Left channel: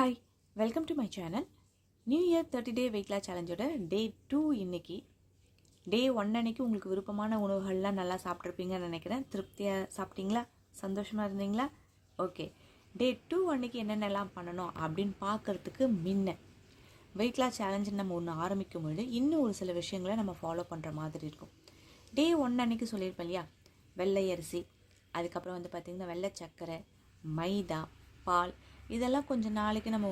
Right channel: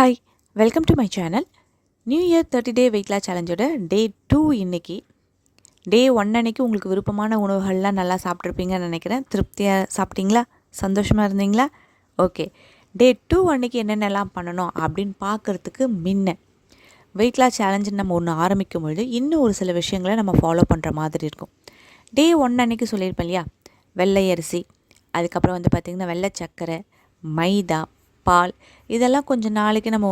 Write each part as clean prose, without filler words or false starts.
Hi, welcome to my channel. New year 30 day weight loss சேலஞ்சோட day 2 இன்னைக்கு. டே 1 அன்னைக்கு உங்களுக்கு விருப்பமான உணவுகள்லாம் நல்லா சாப்பிட்ருப்பீங்கன்னு நினைக்கிறேன். திருப்தியாக சாப்பிட்டீங்களா? சந்தோஷமாக இருந்தீங்களா? ஓகே. டே 2 அன்னைக்கு என்னென்னலாம் பண்ணணும் அப்படின்னு பார்க்குறதுக்கு முன்ன வெயிட் லாஸ் சேலஞ்சுன்னு நம்ம ஒன்று ஆரம்பிக்கும் பொழுது இன்னும் ஒரு சில விஷயங்களை நம்ம ஃபாலோ பண்ணுற மாதிரி இருக்கும். டே 1 அன்னைக்கு சொல்லியிருப்பேன் இல்லையா, வெள்ளை அரிசி, அதுக்கப்புறம் பார்த்திங்கன்னா வெள்ளை சர்க்கரை, மைதா, பால், இதெல்லாம் கொஞ்சம் நாளைக்கு நம்ம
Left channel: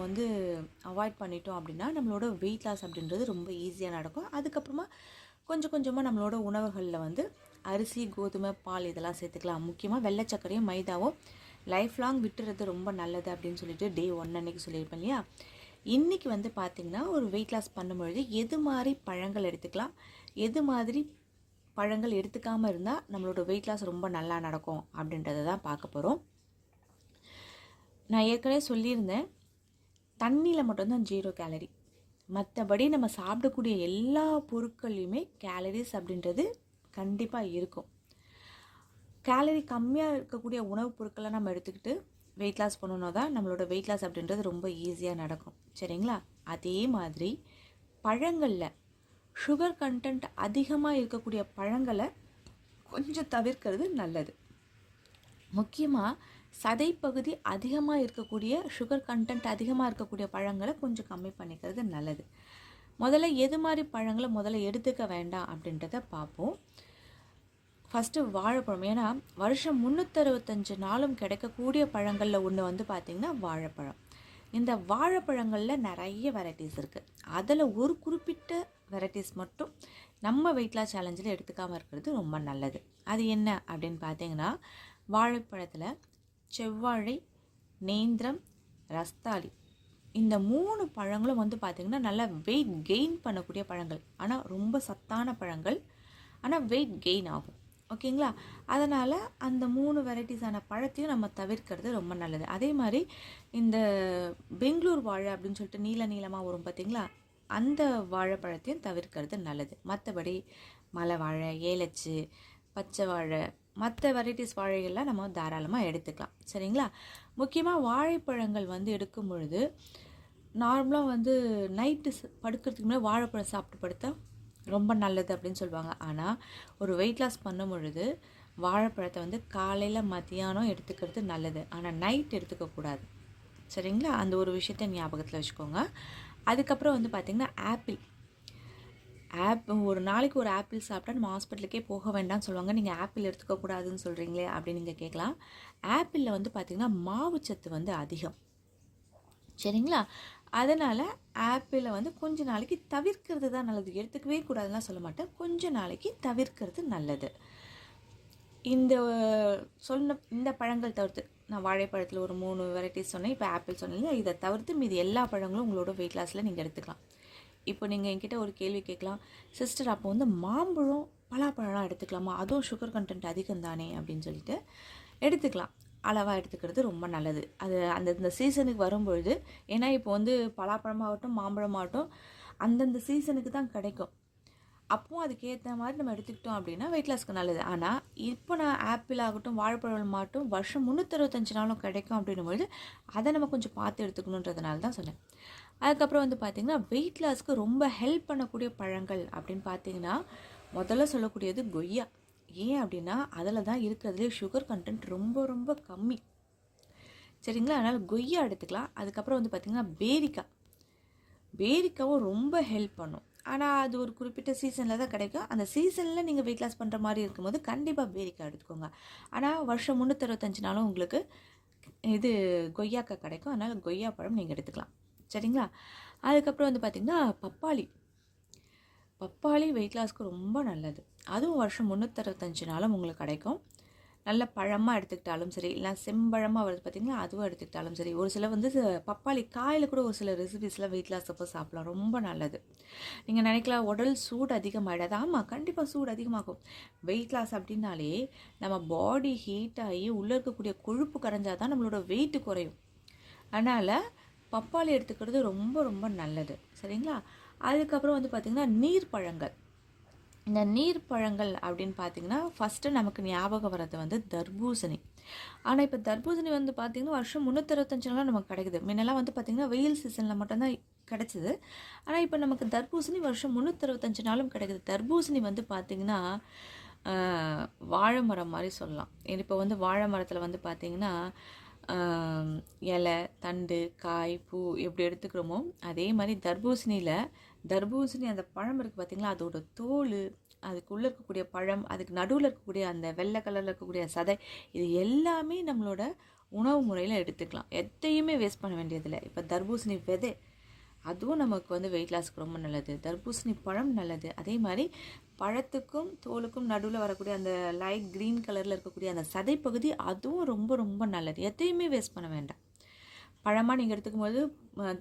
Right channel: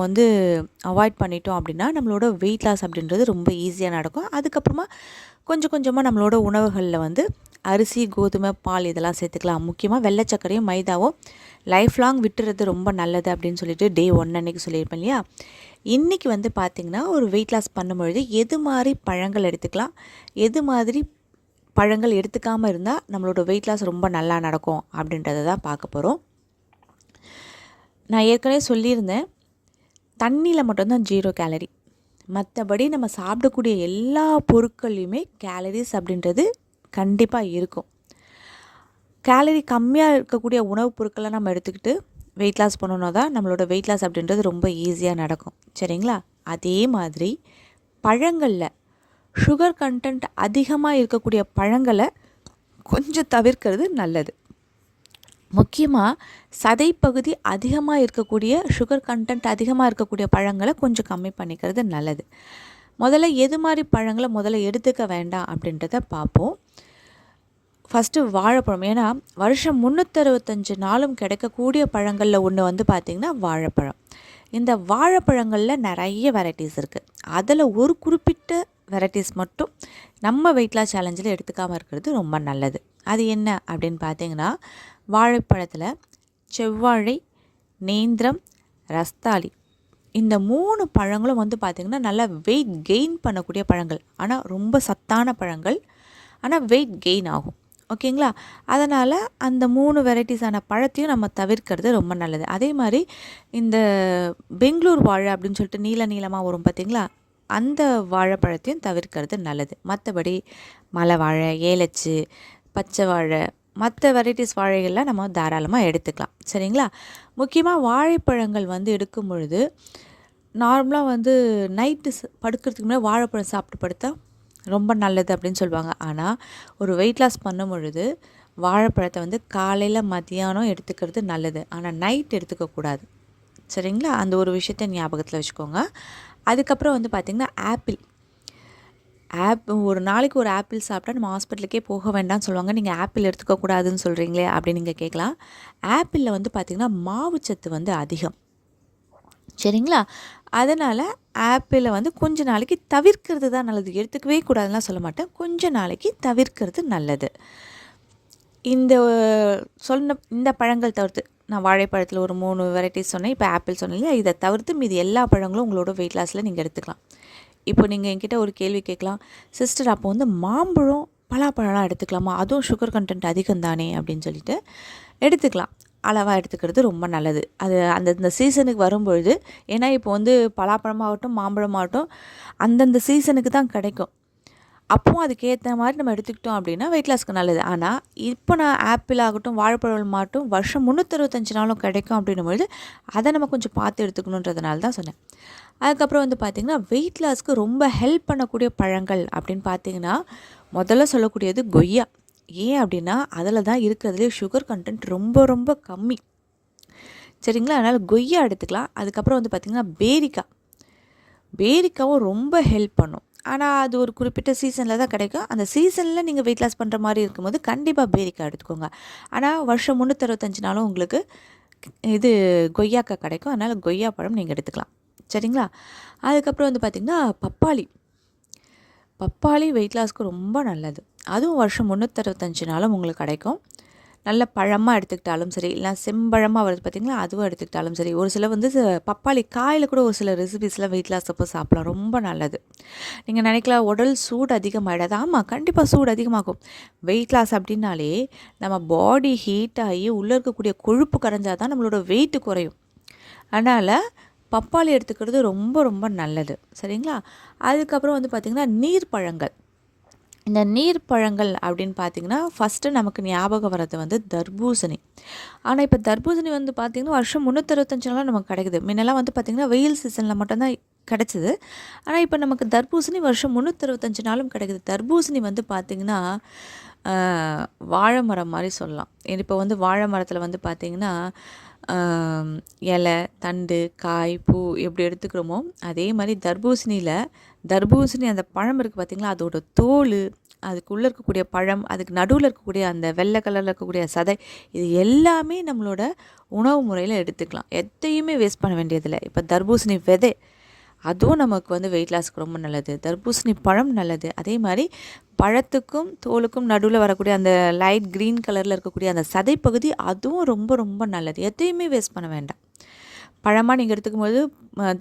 அவாய்ட் பண்ணிட்டோம் அப்படின்னா நம்மளோட வெயிட் லாஸ் அப்படின்றது ரொம்ப ஈஸியாக நடக்கும். அதுக்கப்புறமா கொஞ்சம் கொஞ்சமாக நம்மளோட உணவுகளில் அரிசி, கோதுமை, பால் இதெல்லாம் சேர்த்துக்கலாம். முக்கியமாக வெள்ளை சர்க்கரையும் மைதாவும் லைஃப் லாங் விட்டுறது ரொம்ப நல்லது அப்படின்னு சொல்லிட்டு டே 1 அன்னைக்கு சொல்லியிருப்பேன் இல்லையா. இன்றைக்கி பார்த்திங்கன்னா ஒரு வெயிட் லாஸ் பண்ணும்பொழுது எது மாதிரி பழங்கள் எடுத்துக்கலாம், எது மாதிரி பழங்கள் எடுத்துக்காமல் இருந்தால் நம்மளோட வெயிட் லாஸ் ரொம்ப நல்லா நடக்கும் அப்படின்றத தான் பார்க்க போகிறோம். நான் ஏற்கனவே சொல்லியிருந்தேன், தண்ணியில் மட்டும்தான் 0 கேலரி. மற்றபடி நம்ம சாப்பிடக்கூடிய எல்லா பொருட்கள்லையுமே கேலரிஸ் அப்படின்றது கண்டிப்பாக இருக்கும். கேலரி கம்மியாக இருக்கக்கூடிய உணவுப் பொருட்களை நம்ம எடுத்துக்கிட்டு வெயிட் லாஸ் பண்ணணும் தான் நம்மளோட வெயிட் லாஸ் அப்படின்றது ரொம்ப ஈஸியாக நடக்கும். சரிங்களா? அதே மாதிரி பழங்களில் சுகர் கண்டென்ட் அதிகமாக இருக்கக்கூடிய பழங்களை கொஞ்சம் தவிர்க்கிறது நல்லது. முக்கியமாக சதைப்பகுதி அதிகமாக இருக்கக்கூடிய சுகர் கண்டென்ட் அதிகமாக இருக்கக்கூடிய பழங்களை கொஞ்சம் கம்மி பண்ணிக்கிறது நல்லது. முதல்ல எது மாதிரி பழங்களை முதல்ல எடுத்துக்க வேண்டாம் அப்படின்றத பார்ப்போம். ஃபஸ்ட்டு வாழைப்பழம். ஏன்னா வருஷம் 365 நாளும் கிடைக்கக்கூடிய பழங்களில் ஒன்று பார்த்திங்கன்னா வாழைப்பழம். இந்த வாழைப்பழங்களில் நிறைய வெரைட்டிஸ் இருக்குது. அதில் ஒரு குறிப்பிட்ட வெரைட்டிஸ் மட்டும் நம்ம வெயிட் லாஸ் சேலஞ்சில் எடுத்துக்காமல் இருக்கிறது ரொம்ப நல்லது. அது என்ன அப்படின்னு பார்த்தீங்கன்னா, வாழைப்பழத்தில் செவ்வாழை, நேந்திரம், ரஸ்தாளி, இந்த 3 பழங்களும் பார்த்திங்கன்னா நல்லா வெயிட் கெயின் பண்ணக்கூடிய பழங்கள். ஆனால் ரொம்ப சத்தான பழங்கள், ஆனால் வெயிட் கெயின் ஆகும். ஓகேங்களா? அதனால் அந்த 3 வெரைட்டிஸான பழத்தையும் நம்ம தவிர்க்கிறது ரொம்ப நல்லது. அதே மாதிரி இந்த பெங்களூர் வாழை அப்படின்னு சொல்லிட்டு நீளமாக வரும் பார்த்திங்களா, அந்த வாழைப்பழத்தையும் தவிர்க்கிறது நல்லது. மற்றபடி மலை வாழை, ஏலச்சு, பச்சை வாழை, மற்ற வெரைட்டிஸ் வாழைகள்லாம் நம்ம தாராளமாக எடுத்துக்கலாம். சரிங்களா? முக்கியமாக வாழைப்பழங்கள் எடுக்கும் பொழுது நார்மலாக நைட்டு படுக்கிறதுக்கு முன்னாடி வாழைப்பழம் சாப்பிட்டு படுத்தா ரொம்ப நல்லது அப்படின்னு சொல்லுவாங்க. ஆனால் ஒரு வெயிட் லாஸ் பண்ணும் பொழுது வாழைப்பழத்தை காலையில் மதியானம் எடுத்துக்கிறது நல்லது. ஆனால் நைட் எடுத்துக்கக்கூடாது. சரிங்களா? அந்த ஒரு விஷயத்தை ஞாபகத்தில் வச்சுக்கோங்க. அதுக்கப்புறம் பார்த்திங்கன்னா ஒரு நாளைக்கு ஒரு ஆப்பிள் சாப்பிட்டா நம்ம ஹாஸ்பிட்டலுக்கே போக வேண்டாம்னு சொல்லுவாங்க. நீங்கள் ஆப்பிள் எடுத்துக்கக்கூடாதுன்னு சொல்கிறீங்களே அப்படின்னு நீங்கள் கேட்கலாம். ஆப்பிளில் பார்த்திங்கன்னா மாவுச்சத்து அதிகம். சரிங்களா? அதனால் ஆப்பிளை கொஞ்ச நாளைக்கு தவிர்க்கிறது தான் நல்லது. எடுத்துக்கவே கூடாதுலாம் சொல்ல மாட்டேன், கொஞ்ச நாளைக்கு தவிர்க்கிறது நல்லது. இந்த பழங்கள் தவிர்த்து, நான் வாழைப்பழத்தில் ஒரு 3 வெரைட்டிஸ் சொன்னேன், இப்போ ஆப்பிள் சொன்னேன் இல்லையா, இதை தவிர்த்து மீதி எல்லா பழங்களும் உங்களோட வெயிட் லாஸில் நீங்கள் எடுத்துக்கலாம். இப்போ நீங்கள் என்கிட்ட ஒரு கேள்வி கேட்கலாம், சிஸ்டர் அப்போ மாம்பழம், பலாப்பழம்லாம் எடுத்துக்கலாமா, அதுவும் சுகர் கண்டென்ட் அதிகம் தானே அப்படின்னு சொல்லிட்டு. எடுத்துக்கலாம், அளவாக எடுத்துக்கிறது ரொம்ப நல்லது. அது அந்தந்த சீசனுக்கு வரும்பொழுது, ஏன்னா இப்போ பலாப்பழமாகட்டும் மாம்பழமாகட்டும் அந்தந்த சீசனுக்கு தான் கிடைக்கும். அப்போவும் அதுக்கேற்ற மாதிரி நம்ம எடுத்துக்கிட்டோம் அப்படின்னா வெயிட் லாஸ்க்கு நல்லது. ஆனால் இப்போ நான் ஆப்பிள் ஆகட்டும் வாழைப்பழம் ஆகட்டும் வருஷம் 365 நாளும் கிடைக்கும் அப்படின்னும்பொழுது அதை நம்ம கொஞ்சம் பார்த்து எடுத்துக்கணுன்றதுனால தான் சொன்னேன். அதுக்கப்புறம் பார்த்திங்கன்னா வெயிட் லாஸ்க்கு ரொம்ப ஹெல்ப் பண்ணக்கூடிய பழங்கள் அப்படின்னு பார்த்திங்கன்னா முதல்ல சொல்லக்கூடியது கொய்யா. ஏன் அப்படின்னா அதில் தான் இருக்கிறதுலே சுகர் கண்டென்ட் ரொம்ப ரொம்ப கம்மி. சரிங்களா? அதனால் கொய்யா எடுத்துக்கலாம். அதுக்கப்புறம் பார்த்திங்கன்னா பேரிக்காவும் ரொம்ப ஹெல்ப் பண்ணும். ஆனால் அது ஒரு குறிப்பிட்ட சீசனில் தான் கிடைக்கும். அந்த சீசனில் நீங்கள் வெயிட் லாஸ் பண்ணுற மாதிரி இருக்கும்போது கண்டிப்பாக பேரிக்காய் எடுத்துக்கோங்க. ஆனால் வருஷம் 365 நாளும் உங்களுக்கு கொய்யாக்காய் கிடைக்கும். அதனால் கொய்யா பழம் நீங்கள் எடுத்துக்கலாம். சரிங்களா? அதுக்கப்புறம் பார்த்திங்கன்னா பப்பாளி வெயிட் லாஸ்க்கு ரொம்ப நல்லது. அதுவும் வருஷம் 365 நாளும் உங்களுக்கு கிடைக்கும். நல்ல பழமாக எடுத்துக்கிட்டாலும் சரி, இல்லை செம்பழமாக வருது பார்த்திங்களா, அதுவும் எடுத்துக்கிட்டாலும் சரி. ஒரு சில பப்பாளி காயில் கூட ஒரு சில ரெசிபீஸ்லாம் வெயிட் லாஸ் அப்போ சாப்பிடலாம், ரொம்ப நல்லது. நீங்கள் நினைக்கலாம் உடல் சூடு அதிகமாகிடாது. ஆமாம், கண்டிப்பாக சூடு அதிகமாகும். வெயிட் லாஸ் அப்படின்னாலே நம்ம பாடி ஹீட் ஆகி உள்ளே இருக்கக்கூடிய கொழுப்பு கரைஞ்சால் தான் நம்மளோட வெயிட்டு குறையும். அதனால் பப்பாளி எடுத்துக்கிறது ரொம்ப ரொம்ப நல்லது. சரிங்களா? அதுக்கப்புறம் பார்த்திங்கன்னா நீர் பழங்கள். இந்த நீர் பழங்கள் அப்படின்னு பார்த்திங்கன்னா ஃபஸ்ட்டு நமக்கு ஞாபகம் வர்றது வந்து தர்பூசணி. ஆனால் இப்போ தர்பூசணி வந்து பார்த்திங்கன்னா வருஷம் 365 நாளும் நமக்கு கிடைக்குது. முன்னெல்லாம் வந்து பார்த்திங்கன்னா வெயில் சீசனில் மட்டும்தான் கிடச்சிது. ஆனால் இப்போ நமக்கு தர்பூசணி வருஷம் 365 நாளும் கிடைக்குது. தர்பூசணி வந்து பார்த்திங்கன்னா வாழை மரம் மாதிரி சொல்லலாம். இப்போ வந்து வாழை மரத்தில் வந்து பார்த்திங்கன்னா இலை, தண்டு, காய், பூ எப்படி எடுத்துக்கிறோமோ அதே மாதிரி தர்பூசணி அந்த பழம் இருக்குது பார்த்திங்களா, அதோட தோல், அதுக்குள்ளே இருக்கக்கூடிய பழம், அதுக்கு நடுவில் இருக்கக்கூடிய அந்த வெள்ளை கலரில் இருக்கக்கூடிய சதை, இது எல்லாமே நம்மளோட உணவு முறையில் எடுத்துக்கலாம். எதையுமே வேஸ்ட் பண்ண வேண்டியதில்லை. இப்போ தர்பூசணி விதை அதுவும் நமக்கு வந்து வெயிட் லாஸ்க்கு ரொம்ப நல்லது. தர்பூசணி பழம் நல்லது. அதே மாதிரி பழத்துக்கும் தோலுக்கும் நடுவில் வரக்கூடிய அந்த லைட் க்ரீன் கலரில் இருக்கக்கூடிய அந்த சதைப்பகுதி அதுவும் ரொம்ப ரொம்ப நல்லது. எதையுமே வேஸ்ட் பண்ண வேண்டாம். பழமாக நீங்கள் எடுத்துக்கும் போது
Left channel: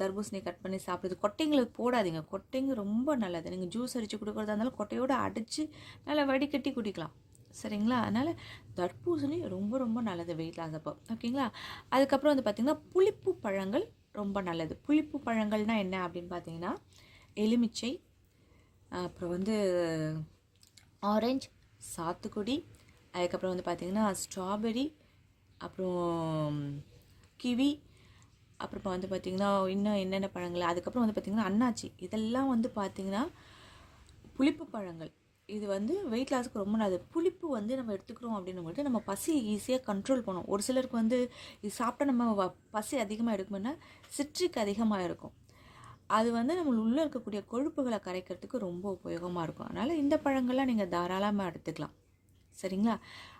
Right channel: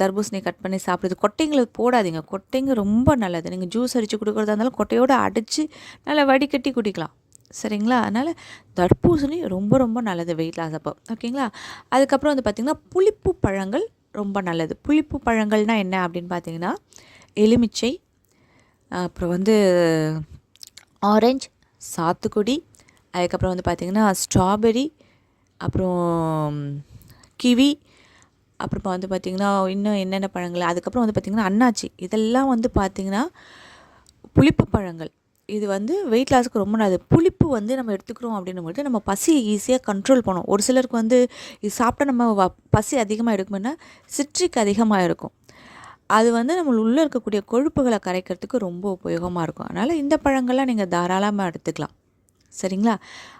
தர்பூசணி கட் பண்ணி சாப்பிடுறது, கொட்டைங்களுக்கு போடாதீங்க. கொட்டைங்க ரொம்ப நல்லது. நீங்கள் ஜூஸ் அடித்து கொடுக்குறதா இருந்தாலும் கொட்டையோடு அடித்து நல்லா வடிகட்டி குடிக்கலாம். சரிங்களா? அதனால் தர்பூசணி ரொம்ப ரொம்ப நல்லது வெயிட் லாஸ் அப்போ. ஓகேங்களா? அதுக்கப்புறம் வந்து பார்த்திங்கன்னா புளிப்பு பழங்கள் ரொம்ப நல்லது. புளிப்பு பழங்கள்னால் என்ன அப்படின்னு பார்த்தீங்கன்னா எலுமிச்சை, அப்புறம் வந்து ஆரஞ்சு, சாத்துக்குடி, அதுக்கப்புறம் வந்து பார்த்திங்கன்னா ஸ்ட்ராபெரி, அப்புறம் கிவி, அப்புறமா வந்து பார்த்திங்கன்னா இன்னும் என்னென்ன பழங்கள், அதுக்கப்புறம் வந்து பார்த்திங்கன்னா அன்னாச்சி. இதெல்லாம் வந்து பார்த்திங்கன்னா புளிப்பு பழங்கள். இது வந்து வெயிட் லாஸுக்கு ரொம்ப நல்லது. புளிப்பு வந்து நம்ம எடுத்துக்கிறோம் அப்படின்னும்போது நம்ம பசியை ஈஸியாக கண்ட்ரோல் பண்ணும். ஒரு சிலருக்கு வந்து இது சாப்பிட்டா நம்ம பசி அதிகமாக எடுக்கும்னா சிட்ரிக் அதிகமாக இருக்கும். அது வந்து நம்ம உள்ளே இருக்கக்கூடிய கொழுப்புகளை கரைக்கிறதுக்கு ரொம்ப உபயோகமாக இருக்கும். அதனால் இந்த பழங்கள்லாம் நீங்கள் தாராளமாக எடுத்துக்கலாம். சரிங்களா?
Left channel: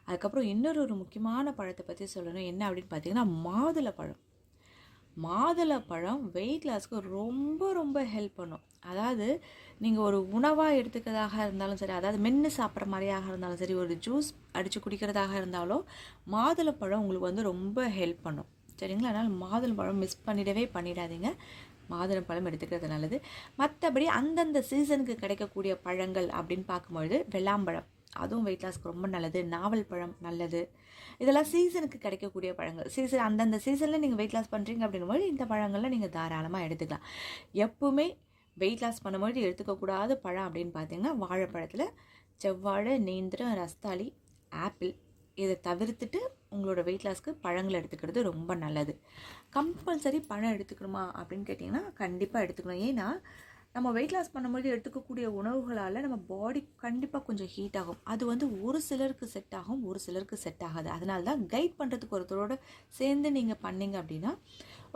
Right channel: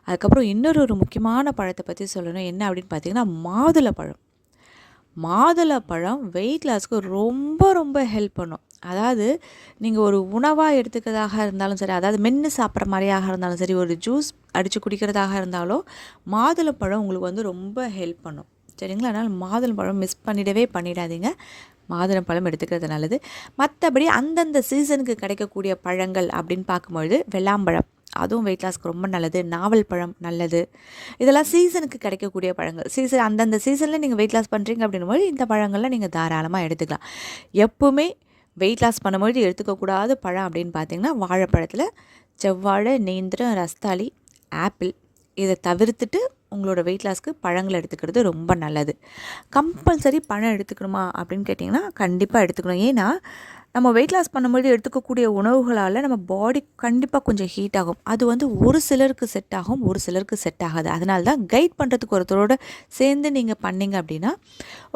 அதுக்கப்புறம் இன்னொரு முக்கியமான பழத்தை பற்றி சொல்லணும். என்ன அப்படின்னு பார்த்தீங்கன்னா மாதுளப்பழம். மாதுளப்பழம் வெயிட் லாஸ்க்கு ரொம்ப ரொம்ப ஹெல்ப் பண்ணும். அதாவது நீங்கள் ஒரு உணவாக எடுத்துக்கிறதாக இருந்தாலும் சரி, அதாவது மென்று சாப்பிட்ற மாதிரியாக இருந்தாலும் சரி, ஒரு ஜூஸ் அடித்து குடிக்கிறதாக இருந்தாலும் மாதுளப்பழம் உங்களுக்கு வந்து ரொம்ப ஹெல்ப் பண்ணும். சரிங்களா? அதனால் மாதுளப்பழம் மிஸ் பண்ணிடாதீங்க. மாதுளப்பழம் எடுத்துக்கிறது நல்லது. மற்றபடி அந்தந்த சீசனுக்கு கிடைக்கக்கூடிய பழங்கள் அப்படின்னு பார்க்கும்பொழுது வெள்ளாம்பழம் அதுவும் வெயிட் லாஸ்க்கு ரொம்ப நல்லது. நாவல் பழம் நல்லது. இதெல்லாம் சீசனுக்கு கிடைக்கக்கூடிய பழங்கள். அந்தந்த சீசனில் நீங்கள் வெயிட் லாஸ் பண்ணுறீங்க அப்படின்னும்போது இந்த பழங்கள்லாம் நீங்கள் தாராளமாக எடுத்துக்கலாம். எப்போவுமே வெயிட் லாஸ் பண்ணும்போது எடுத்துக்கக்கூடாத பழம் அப்படின்னு பார்த்தீங்கன்னா வாழைப்பழத்தில் செவ்வாழை, நேந்திரம், ரஸ்தாளி, ஆப்பிள் இதை தவிர்த்துட்டு உங்களோட வெயிட் லாஸ்க்கு பழங்கள் எடுத்துக்கிறது ரொம்ப நல்லது. கம்பல்சரி பழம் எடுத்துக்கணுமா அப்படின்னு கேட்டிங்கன்னா கண்டிப்பாக எடுத்துக்கணும். ஏன்னா நம்ம வெயிட் லாஸ் பண்ணும்போது எடுத்துக்கக்கூடிய உணவுகளால் நம்ம பாடி கண்டிப்பாக கொஞ்சம் ஹீட் ஆகும். அது வந்து ஒரு சிலருக்கு செட் ஆகும், ஒரு சிலருக்கு செட் ஆகாது. அதனால தான் கைட் பண்ணுறதுக்கு ஒருத்தரோட சேர்ந்து நீங்கள் பண்ணிங்க அப்படின்னா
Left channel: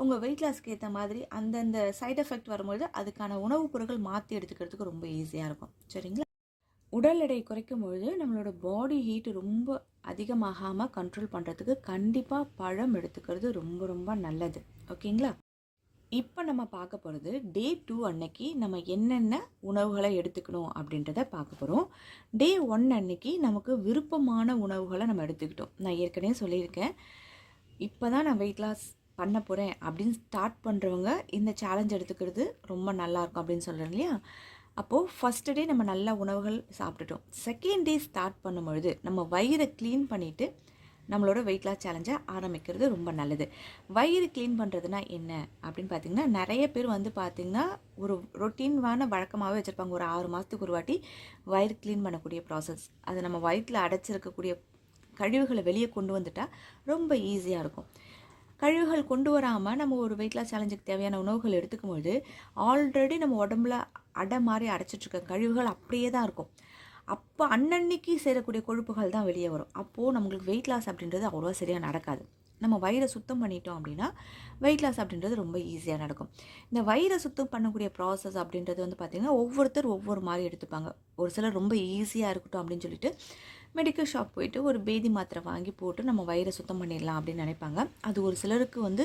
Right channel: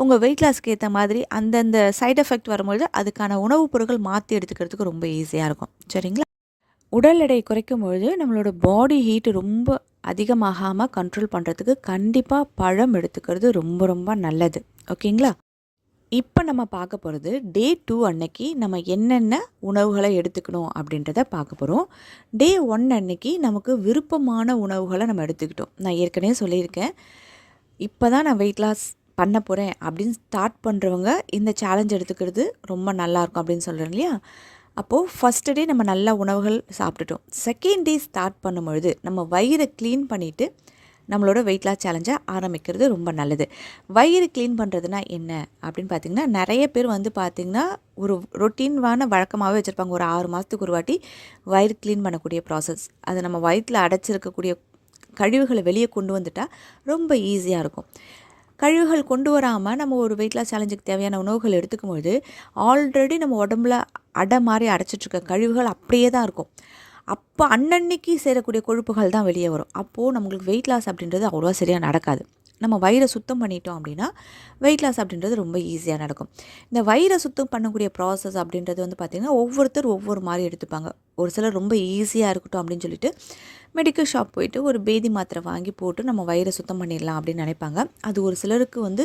உங்கள் வெயிட் லாஸ்க்கு ஏற்ற மாதிரி அந்தந்த சைட் எஃபெக்ட் வரும்போது அதுக்கான உணவுப் பொருட்கள் மாற்றி எடுத்துக்கிறதுக்கு ரொம்ப ஈஸியாக இருக்கும். சரிங்களா? உடல் எடை குறைக்கும் பொழுது நம்மளோட பாடி ஹீட்டு ரொம்ப அதிகமாகாமல் கண்ட்ரோல் பண்ணுறதுக்கு கண்டிப்பாக பழம் எடுத்துக்கிறது ரொம்ப ரொம்ப நல்லது. ஓகேங்களா? இப்போ நம்ம பார்க்க போகிறது டே 2 அன்னைக்கு நம்ம என்னென்ன உணவுகளை எடுத்துக்கணும் அப்படின்றத பார்க்க போகிறோம். டே 1 அன்னைக்கு நமக்கு விருப்பமான உணவுகளை நம்ம எடுத்துக்கிட்டோம். நான் ஏற்கனவே சொல்லியிருக்கேன், இப்போ தான் நான் வெயிட் லாஸ் பண்ண போகிறேன் அப்படின்னு ஸ்டார்ட் பண்ணுறவங்க இந்த சேலஞ்ச் எடுத்துக்கிறது ரொம்ப நல்லாயிருக்கும் அப்படின்னு சொல்கிறேன் இல்லையா? அப்போது ஃபஸ்ட்டு டே நம்ம நல்ல உணவுகள் சாப்பிட்டுட்டோம். செகண்ட் டே ஸ்டார்ட் பண்ணும்பொழுது நம்ம வயிறை க்ளீன் பண்ணிவிட்டு நம்மளோட வெயிட் லாஸ் சேலஞ்சை ஆரம்பிக்கிறது ரொம்ப நல்லது. வயிறு க்ளீன் பண்ணுறதுனா என்ன அப்படின்னு பார்த்திங்கன்னா நிறைய பேர் வந்து பார்த்திங்கன்னா ஒரு ரொட்டீனான வழக்கமாகவே வச்சுருப்பாங்க. ஒரு 6 மாதத்துக்கு ஒரு வாட்டி வயிறு க்ளீன் பண்ணக்கூடிய ப்ராசஸ். அது நம்ம வயிற்றில் அடைச்சிருக்கக்கூடிய கழிவுகளை வெளியே கொண்டு வந்துட்டால் ரொம்ப ஈஸியாக இருக்கும். கழிவுகள் கொண்டு வராமல் நம்ம ஒரு வெயிட் லாஸ் சேலஞ்சுக்கு தேவையான உணவுகள் எடுத்துக்கும்போது ஆல்ரெடி நம்ம உடம்புல அடை மாதிரி அடைச்சிட்ருக்க கழிவுகள் அப்படியே தான் இருக்கும். அப்போ அன்னன்னைக்கு சேரக்கூடிய கொழுப்புகள் தான் வெளியே வரும். அப்போது நம்மளுக்கு வெயிட் லாஸ் அப்படின்றது அவ்வளோவா சரியாக நடக்காது. நம்ம வயிறை சுத்தம் பண்ணிட்டோம் அப்படின்னா வெயிட் லாஸ் அப்படின்றது ரொம்ப ஈஸியாக நடக்கும். இந்த வயிறை சுத்தம் பண்ணக்கூடிய ப்ராசஸ் அப்படின்றது வந்து பார்த்திங்கன்னா ஒவ்வொருத்தர் ஒவ்வொரு மாதிரி எடுத்துப்பாங்க. ஒரு சிலர் ரொம்ப ஈஸியாக இருக்கட்டும் அப்படின்னு சொல்லிட்டு மெடிக்கல் ஷாப் போயிட்டு ஒரு பேதி மாத்திரை வாங்கி போட்டு நம்ம வயிறை சுத்தம் பண்ணிடலாம் அப்படின்னு நினைப்பாங்க. அது ஒரு சிலருக்கு வந்து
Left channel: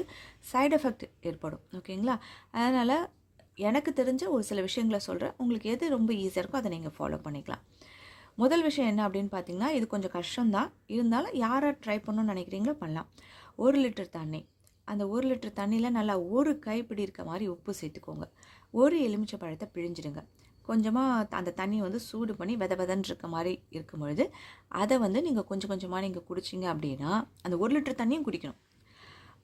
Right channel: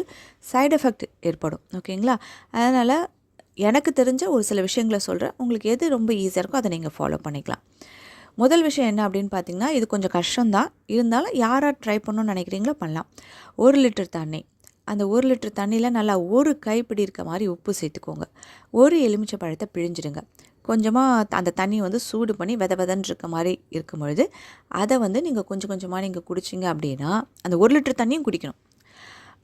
சைடு எஃபெக்ட் ஏற்படும். ஓகேங்களா? அதனால் எனக்கு தெரிஞ்ச ஒரு சில விஷயங்களை சொல்கிறேன். உங்களுக்கு எது ரொம்ப ஈஸியாக இருக்கோ அதை நீங்கள் ஃபாலோ பண்ணிக்கலாம். முதல் விஷயம் என்ன அப்படின்னு பார்த்தீங்கன்னா, இது கொஞ்சம் கஷ்டம்தான், இருந்தாலும் யாராக ட்ரை பண்ணணும்னு நினைக்கிறீங்களோ பண்ணலாம். 1 லிட்டர் தண்ணி, அந்த 1 லிட்டர் தண்ணியில் நல்லா ஒரு கைப்பிடி இருக்க மாதிரி உப்பு சேர்த்துக்கோங்க. ஒரு எலுமிச்சை பழத்தை பிழிஞ்சிடுங்க. கொஞ்சமாக அந்த தண்ணி வந்து சூடு பண்ணி வெதன்னு இருக்க மாதிரி இருக்கும் பொழுது அதை வந்து நீங்கள் கொஞ்சம் கொஞ்சமாக நீங்கள் குடிச்சிங்க அப்படின்னா அந்த 1 லிட்டர் தண்ணியும் குடிக்கணும்.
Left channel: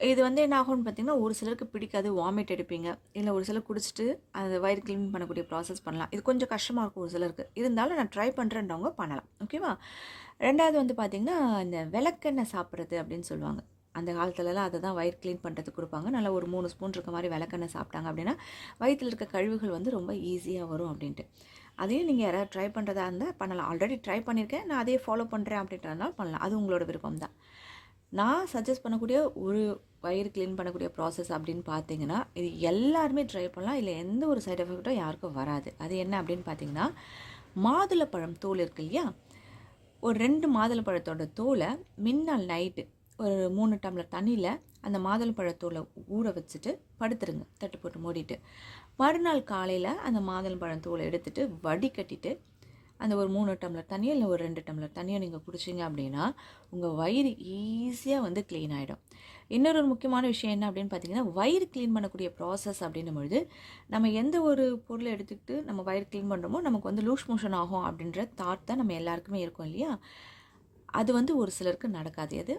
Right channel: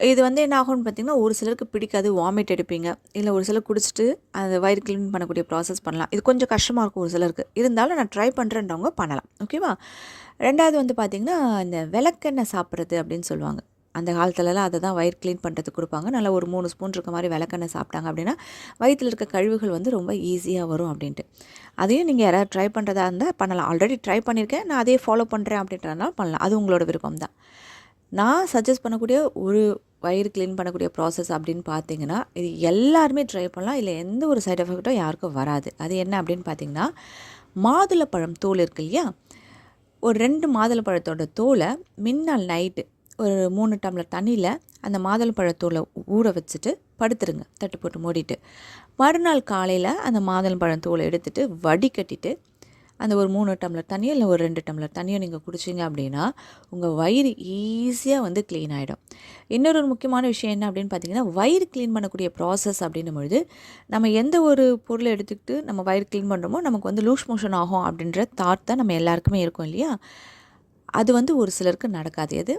இது வந்து என்ன ஆகும்னு பார்த்தீங்கன்னா, ஒரு சிலருக்கு பிடிக்காது, வாமிட் எடுப்பீங்க. இல்ல ஒரு சிலர் குடிச்சிட்டு அந்த வயிறு கிளீன் பண்ணக்கூடிய ப்ராசஸ் பண்ணலாம். இது கொஞ்சம் கஷ்டமா இருக்கும் ஒரு சிலருக்கு. இருந்தாலும் நான் ட்ரை பண்ணுறேன்றவங்க பண்ணலாம். ஓகேவா? 2வது வந்து பார்த்தீங்கன்னா, இந்த விளக்கெண்ணெய் சாப்பிட்றது அப்படின்னு சொல்லுவாங்க. அந்த காலத்துலலாம் அத தான் வயிறு கிளீன் பண்ணுறதுக்கு குடுப்பாங்க. நல்லா ஒரு 3 ஸ்பூன் இருக்க மாரி விளக்கெண்ணெய் சாப்பிட்டாங்க அப்படின்னா, வயித்துல இருக்க கழிவுகள் வந்து ரொம்ப ஈஸியா வரும் அப்படின்ட்டு. அதையும் நீங்க யாராவது ட்ரை பண்ணுறதா இருந்தா பண்ணலாம். ஆல்ரெடி ட்ரை பண்ணியிருக்கேன். நான் அதே ஃபாலோ பண்ணுறேன் அப்படின்றதுனால பண்ணலாம். அது உங்களோட விருப்பம் தான். நான் சஜெஸ்ட் பண்ணக்கூடிய ஒரு வயிறு கிளீன் பண்ணக்கூடிய ப்ராசஸ் அப்படின்னு பார்த்தீங்கன்னா, இது எல்லாருமே ட்ரை பண்ணலாம். இதில எந்த ஒரு சைட் எஃபெக்ட்டும் யாருக்கும் வராது. அது என்ன அப்படின்னு பார்த்தீங்கன்னா, மாதுளப்பழம் தோல் இருக்கு இல்லையா? ஒரு 2 மாதுளப்பழத்தோட தோல மின்னாள் நைட்டு ஒரு 3 டம்ளர் தண்ணியில அந்த மாதுளப்பழத் தோல ஊற வச்சுட்டு படுத்துருங்க. தட்டு போட்டு மூடிட்டு. மறுநாள் காலையில அந்த மாதுளம்பழம் தோல எடுத்துட்டு வடிகட்டிட்டு அந்த ஒரு 3 டம்ளர் தண்ணியோ இல்லை ஒரு 2 டம்ளர் தண்ணியோ நீங்கள் குடிச்சிங்க அப்படின்னா உங்கள் வயிறு ஈஸியாக வந்து க்ளீன் ஆகிடும். இன்னொரு ஒரு முக்கியமான விஷயம் என்ன அப்படின்னு பார்த்தீங்கன்னா, வயிறு க்ளீன் பண்ணக்கூடிய ப்ராசஸ் அப்படின்னும் பொழுது நம்ம எந்த ஒரு பொருளை எடுத்துக்கிட்டு நம்ம வயிறு க்ளீன் பண்ணுறோமோ நமக்கு வந்து லூஸ் மோஷன் ஆகும் அப்படின்ற தாட் தான் நம்ம எல்லாருக்குமே இருக்கும் இல்லையா? அது வந்து ஒரு சிலருக்கு நடக்காது. அது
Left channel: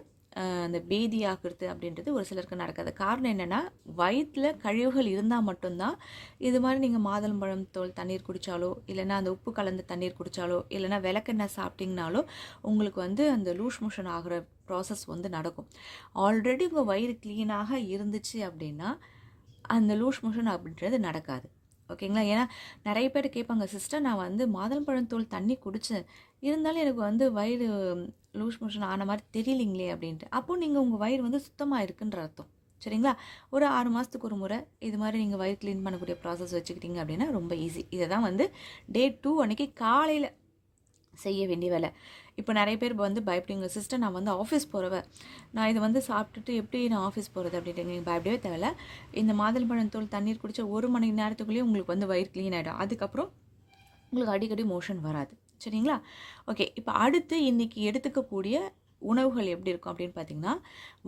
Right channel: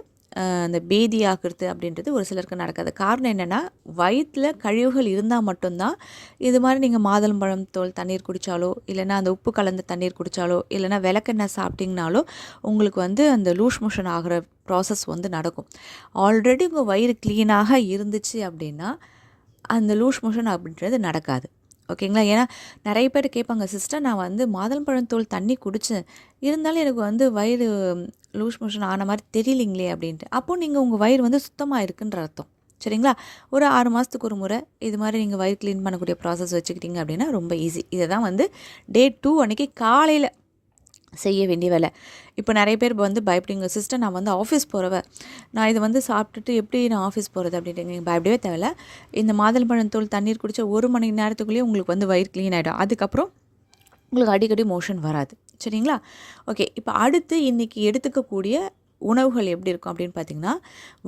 அந்த பேதி ஆக்குறது அப்படின்றது ஒரு சிலருக்கு நடக்காது. காரணம் என்னென்னா, வயிற்றில் கழிவுகள் இருந்தால் மட்டும்தான் இது மாதிரி நீங்கள் மாதுளம்பழம் தோல் தண்ணீர் குடித்தாலோ, இல்லைன்னா அந்த உப்பு கலந்த தண்ணீர் குடித்தாலோ, இல்லைன்னா விளக்கெண்ணெய் சாப்பிட்டிங்கனாலோ உங்களுக்கு வந்து அந்த லூஸ் மோஷன் ஆகிற ப்ராசஸ் வந்து நடக்கும். ஆல்ரெடி உங்கள் வயிறு க்ளீனாக இருந்துச்சு அப்படின்னா அந்த லூஸ் மோஷன் அப்படின்றது நடக்காது. ஓகேங்களா? ஏன்னா நிறைய பேர் கேட்பாங்க, சிஸ்டர் நான் வந்து மாதுளம்பழம் தோல் தண்ணி குடித்தேன், இருந்தாலும் எனக்கு வந்து வயிறு லூஸ் மோஷன் ஆன மாதிரி தெரியலிங்களே அப்படின்ட்டு. அப்போது நீங்கள் உங்கள் வயிறு வந்து சுத்தமாக இருக்குன்ற அர்த்தம். சரிங்களா? ஒரு 6 மாதத்துக்கு ஒரு முறை இது மாதிரி நீங்கள் வயிறு க்ளீன் பண்ணக்கூடிய ப்ராசஸ் வச்சுக்கிட்டிங்க அப்படின்னா ரொம்ப ஈஸி. இதை தான் வந்து டே 2 அன்றைக்கி காலையில் செய்ய வேண்டிய வேலை. இப்போ நிறைய பேர் வந்து பயப்படுங்க, சிஸ்டர் நான் வந்து ஆஃபீஸ் போகிறவ, நான் இதை வந்து சாப்பிட்டுட்டு எப்படி நான் ஆஃபீஸ் போகிறது அப்படின்ட்டு. நீங்கள் பயப்படவே தேவையில்ல. இந்த மாதுளம்பழம் தோல் தண்ணீர் குடித்தா 1 மணி நேரத்துக்குள்ளேயே உங்களுக்கு வந்து வயிறு க்ளீன் ஆகிடும். அதுக்கப்புறம் உங்களுக்கு அடிக்கடி மோஷன் வராது. சரிங்களா? ஓகே. இப்போ அடுத்து இன்றைக்கி எடுத்துக்கக்கூடிய உணவுகள் எப்படி இருக்கும் அப்படின்னு பார்த்தீங்கன்னா,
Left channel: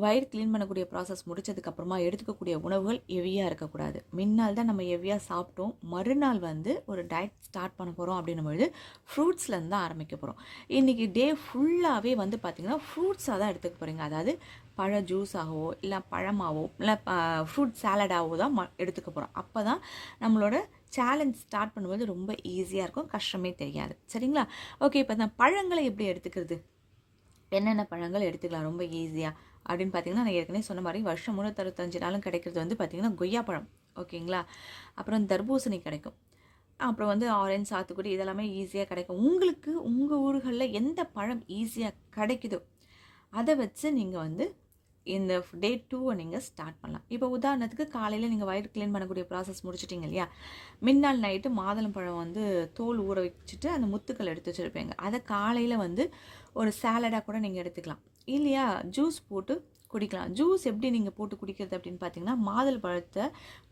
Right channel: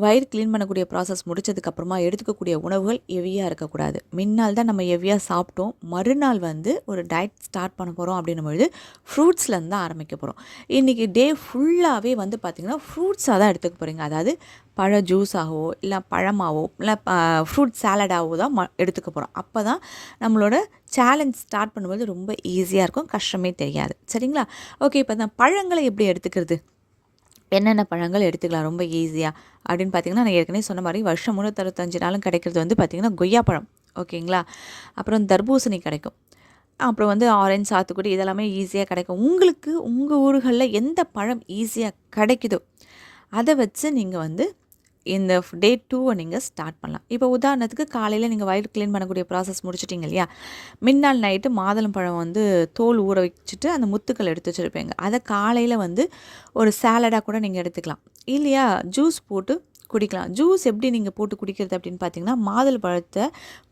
வயிறு க்ளீன் பண்ணக்கூடிய ப்ராசஸ் முடிச்சதுக்கப்புறமா எடுத்துக்கக்கூடிய உணவுகள் ஹெவியாக இருக்கக்கூடாது. முன்னால் தான் நம்ம ஹெவியாக சாப்பிட்டோம். மறுநாள் வந்து ஒரு டயட் ஸ்டார்ட் பண்ண போகிறோம் அப்படின்னும்பொழுது ஃப்ரூட்ஸ்லேருந்து தான் ஆரம்பிக்க போகிறோம். இன்றைக்கி டே ஃபுல்லாகவே வந்து பார்த்திங்கன்னா ஃப்ரூட்ஸாக தான் எடுத்துக்க போகிறீங்க. அதாவது பழ ஜூஸாகவோ இல்லை பழமாவோ இல்லை ஃப்ரூட் சாலடாகவோ தான் எடுத்துக்க போகிறோம். அப்போ தான் நம்மளோட சேலஞ்ச் ஸ்டார்ட் பண்ணும்போது ரொம்ப ஈஸியாக இருக்கும், கஷ்டமே தெரியாது. சரிங்களா? ஓகே. இப்போ தான் பழங்களை எப்படி எடுத்துக்கிறது, என்னென்ன பழங்கள் எடுத்துக்கலாம் ரொம்ப ஈஸியாக அப்படின்னு பார்த்தீங்கன்னா, நான் ஏற்கனவே சொன்ன மாதிரி வருஷம் 365 நாளும் கிடைக்கிறது வந்து பார்த்திங்கன்னா கொய்யாப்பழம். ஓகேங்களா? அப்புறம் தர்பூசணி கிடைக்கும். அப்புறம் வந்து ஆரஞ்சு, சாத்துக்குடி இதெல்லாமே ஈஸியாக கிடைக்கும். உங்களுக்கு உங்கள் ஊர்களில் எந்த பழம் ஈஸியாக கிடைக்குதோ அதை வச்சு நீங்கள் வந்து இந்த டே 2 நீங்கள் ஸ்டார்ட் பண்ணலாம். இப்போ உதாரணத்துக்கு காலையில் நீங்கள் வயிறு க்ளீன் பண்ணக்கூடிய ப்ராசஸ் முடிச்சிட்டிங்க இல்லையா? முன்னாள் நைட்டு மாதுளம்பழம் வந்து தோல் ஊற வச்சுட்டு அந்த முத்துக்கள் எடுத்து வச்சுருப்பீங்க. அதை காலையில் வந்து ஒரு சாலடாக கூட நீங்கள் எடுத்துக்கலாம். இல்லையா ஜூஸ் போட்டு குடிக்கலாம். ஜூஸ் எப்படி நீங்கள் போட்டு குடிக்கிறது அப்படின்னு பார்த்தீங்கன்னா, மாதுளம்பழத்தை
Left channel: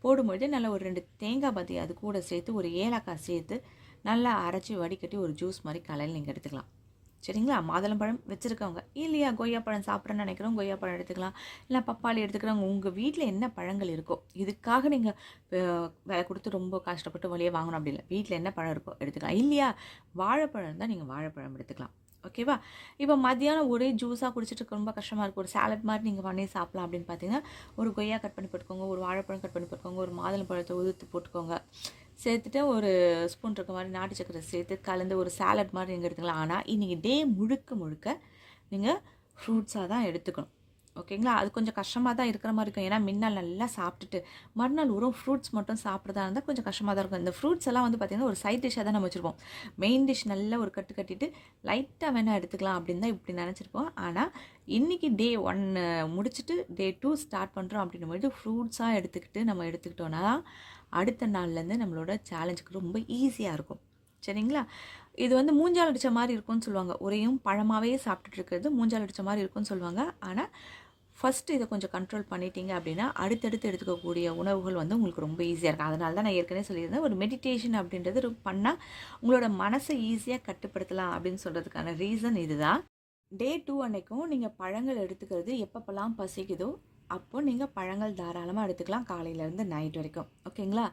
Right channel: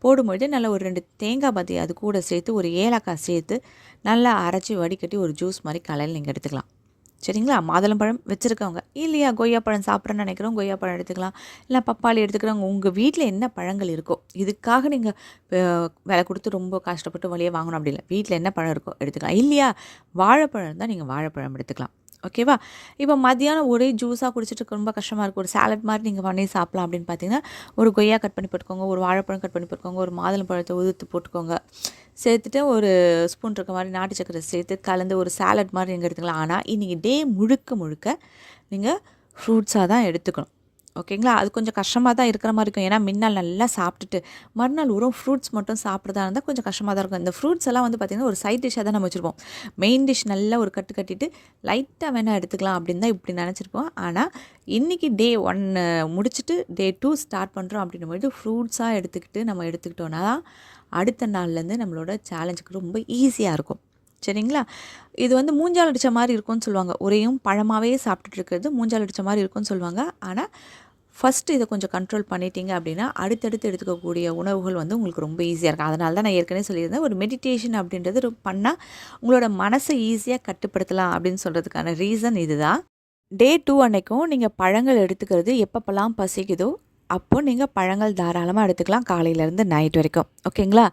போடும்பொழுது நல்லா ஒரு 2 தேங்காய் பாத்தி அது கூட சேர்த்து ஒரு ஏலக்காய் சேர்த்து நல்லா அரைச்சி வடிகட்டி ஒரு ஜூஸ் மாதிரி காலையில் நீங்கள் எடுத்துக்கலாம். சரிங்களா? மாதுளம்பழம் வச்சுருக்கவங்க, இல்லையா கொய்யாப்பழம் சாப்பிட்றேன்னு நினைக்கிறோம், கொய்யாப்பழம் எடுத்துக்கலாம். இல்லை பப்பாளி எடுத்துக்கிறவங்க, உங்கள் வீட்டில் என்ன பழங்கள் இருக்கோ, இதுக்காக நீங்கள் விலை கொடுத்து ரொம்ப கஷ்டப்பட்டு வழியே வாங்கணும் அப்படி இல்லை. வீட்டில் என்ன பழம் இருக்கோ எடுத்துக்கலாம். இல்லையா வாழைப்பழம் இருந்தால் நீங்கள் வாழைப்பழம் எடுத்துக்கலாம். ஓகேவா? இப்போ மதியானம் ஒரே ஜூஸாக குடிச்சிட்டு ரொம்ப கஷ்டமாக இருக்கும், ஒரு சாலட் மாதிரி நீங்கள் பண்ணி சாப்பிட்லாம் அப்படின்னு பார்த்தீங்கன்னா, ஒரு கொய்யா கட் பண்ணி போட்டுக்கோங்க, ஒரு வாழைப்பழம் கட் பண்ணி போட்டுக்கோங்க, ஒரு மாதுளம்பழத்தை உதுத்து போட்டுக்கோங்க, சேர்த்துட்டு ஒரு ஸ்பூன் இருக்க மாதிரி நாட்டு சக்கரை சேர்த்து கலந்து ஒரு சாலட் மாதிரி நீங்கள் எடுத்துக்கலாம். ஆனால் இன்றைக்கி டே முழுக்க முழுக்க நீங்கள் ஃப்ரூட்ஸாக தான் எடுத்துக்கணும். ஓகேங்களா? அது கொஞ்சம் கஷ்டமாக தான் இருக்கிற மாதிரி இருக்கும். ஏன்னா முன்னால் நல்லா சாப்பிட்டுட்டு மறுநாள் வெறும் ஃப்ரூட்ஸ் மட்டும் சாப்பிட்றதா இருந்தால் கொஞ்சம் கஷ்டமாக தான் இருக்கும். இந்த ஃப்ரூட்ஸ் எல்லாம் வந்து பார்த்திங்கன்னா ஒரு சைட் டிஷ்ஷாக தான் நம்ம வச்சுருப்போம். மெயின் டிஷ் நல்லா ஒரு கட்டு கட்டிட்டு லைட்டாக வேணால் எடுத்துக்கலாம் அப்படின்னு தான் இப்படி நினச்சிருப்போம். ஆனால் இன்றைக்கி டே 1 முடிச்சுட்டு டே 2 ஸ்டார்ட் பண்ணுறோம் அப்படின்னும்போது ஃப்ரூட்ஸாக எடுத்துக்கிட்டு நம்ம எடுத்துக்கிட்டோன்னா அடுத்த நாள்லேருந்து நம்மளோட சேலஞ்சுக்கு ரொம்ப ஈஸியாக இருக்கும். சரிங்களா? இது வந்து மூஞ்சால் அடித்த மாதிரி இருக்கும்னு சொல்லுவாங்க. ஒரேயும் பழமாகவே சாப்பிட்டுட்டு இருக்கிறது மூஞ்சால் அடித்த மாதிரி இருக்கும்னு சொல்லுவாங்க. ஆனால் ஃபஸ்ட்டு இதை கொஞ்சம் கண்ட்ரோல் பண்ணிட்டீங்க அப்படின்னா அடுத்தடுத்து எடுத்துக்கக்கூடிய உணவுகள் வந்து உங்களுக்கு ரொம்ப ஈஸியாக இருக்கும். அதனால தான் நான் ஏற்கனவே சொல்லியிருந்தேன், ஒரு மெடிடேஷன் அப்படின்றது பண்ணால் உங்களோட மனசை ஈஸியாக கட்டுப்படுத்தலாம் அப்படின்னு சொல்கிறதுக்கான ரீசன் இதுதான். டே 2 அன்னைக்கும் நீங்கள் பழங்கள் எடுத்துக்கிறது எப்பப்பெல்லாம் பசிக்குதோ அப்போது நீங்கள் பழங்கள் தாராளமாக எடுத்துக்கலாம், காலையிலேருந்து நைட் வரைக்கும். ஓகேங்களா?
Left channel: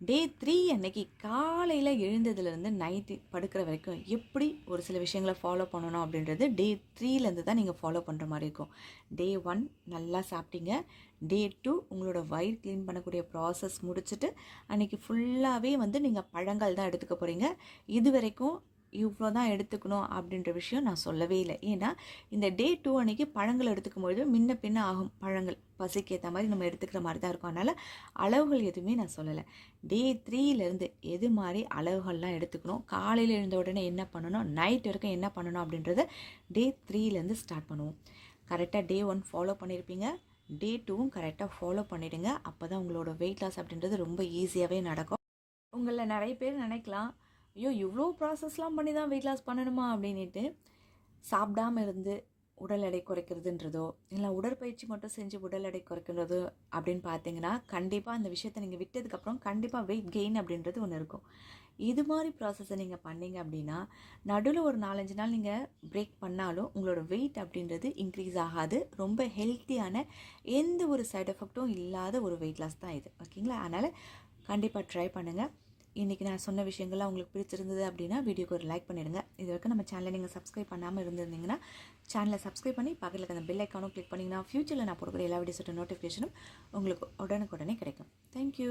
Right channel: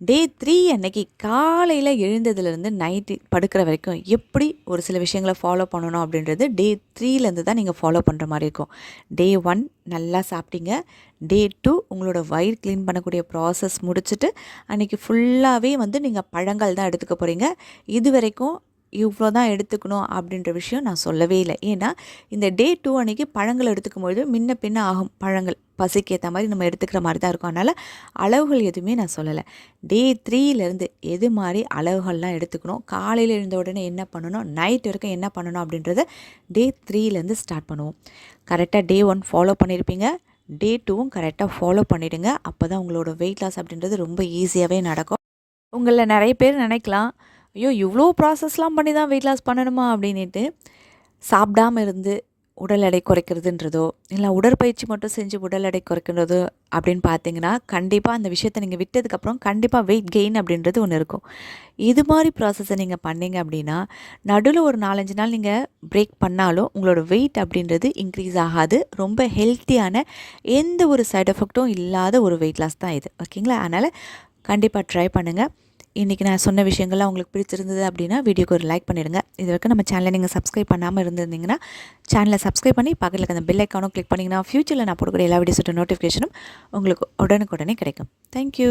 டே 3 அன்னைக்கு காலையில் எழுந்ததுலேருந்து நைட்டு படுக்கிற வரைக்கும் எப்படி ஒரு சில விஷயங்களை ஃபாலோ பண்ணணும் அப்படின்றது டே 3லேருந்து தான் நீங்கள் ஃபாலோ பண்ணுற மாதிரி இருக்கும். டே 1 நல்லா சாப்பிட்டீங்க. டே 2 உங்களோட வயிறு க்ளீன் பண்ணக்கூடிய ப்ராசஸ் முடிச்சுட்டு அன்றைக்கி ஃபுல்லாகவே நீங்கள் பழங்கள் தான் எடுத்துக்க போகிறீங்க. இது வரைக்கும் இவ்வளோ தான் எடுத்துக்கணும் அப்படின்ற விஷயம் நான் சொல்லவே இல்லை. ஏன்னா இந்த டே 2 அன்றைக்கி பழங்கள் எடுத்துக்கும்பொழுது முன்ன பின்ன ஆகும். பழங்கள் பசிக்கு ஏற்ற மாதிரி நம்ம எடுத்துக்கிற மாதிரி தான் இருக்கும். அதனால் அளவுகள் எதுவுமே நான் சொல்லலை. டே 3லேருந்து எது மாதிரி அளவுகள்லாம் எடுத்துக்கணும், காலையில் எழுந்த உடனே என்ன பண்ணணும், நைட் வரைக்கும் என்ன பண்ணணும் அப்படின்றத டே 3லேருந்து ஸ்டார்ட் பண்ணுவோம். கரெக்டாக டே 1 ஃபாலோ பண்ணியிருப்பீங்க. டே 2வும் கரெக்டாக ஃபாலோ பண்ணிவிடுங்க. அப்போ தான் உங்களோட வெயிட் லாஸ் அப்படின்றது ரொம்ப ஈஸியாகவே நடக்கும். உங்களில் நிறைய பேர் நினைக்கலாம், ஐயோ இவ்வளோ ப்ராசஸ்லாம் பண்ணி தான் வெயிட் லாஸ் பண்ணணுமா அப்படின்ட்டு. சாப்பிடாமல் இருந்து உடல் எடை குறைக்கிறதுன்றதோ இல்லை உடற்பயிற்சி மட்டும் செஞ்சு உடல் எடை குறைக்கிறதோ அப்படின்னு பார்த்தீங்கன்னா கண்டிப்பாக அந்த விஷயத்தை நீங்கள் விட்டதுக்கப்புறம் கண்டிப்பாக வெயிட் கெயின் அப்படின்றது ஒன்று இருக்கும். இது மாதிரி ப்ராசஸை நீங்கள் பண்ணீங்க அப்படின்னா நடுவில் ஒரு 4-5 நாள் நீங்கள் பிரேக் பண்ணாலும் உங்களோட வெயிட் அப்படின்றது இன்க்ரீஸ் ஆகாது. ரொம்ப ஹெல்த்தியான எந்த ஒரு சைடு எஃபெக்ட்டும் இல்லாத ஒரு வெயிட் லாஸ் தான் இது. ஓகேங்களா? அதனால் கண்டிப்பாக ட்ரை பண்ணுங்கள். இன்றைக்கி நான் சொன்ன விஷயங்கள்லாம் உங்களுக்கு பிடிச்சிருந்தது அப்படின்னா வீடியோக்கு ஒரு லைக் பண்ணிடுங்க. இது வரைக்கும் நம்ம சேனலை நீங்கள் சப்ஸ்கிரைப் பண்ணாமல் இருந்திருந்தீங்கன்னா சேனலை சப்ஸ்கிரைப் பண்ணி பக்கத்தில் இருக்க அந்த பெல் ஐக்கானும் கிளிக் பண்ணிங்கன்னா ஃப்யூச்சரில் நான் போடக்கூடிய எல்லா வீடியோஸோட நோட்டிஃபிகேஷனும் உங்களுக்கு உடனுக்குடனே கிடைக்கும். தேங்க்யூ.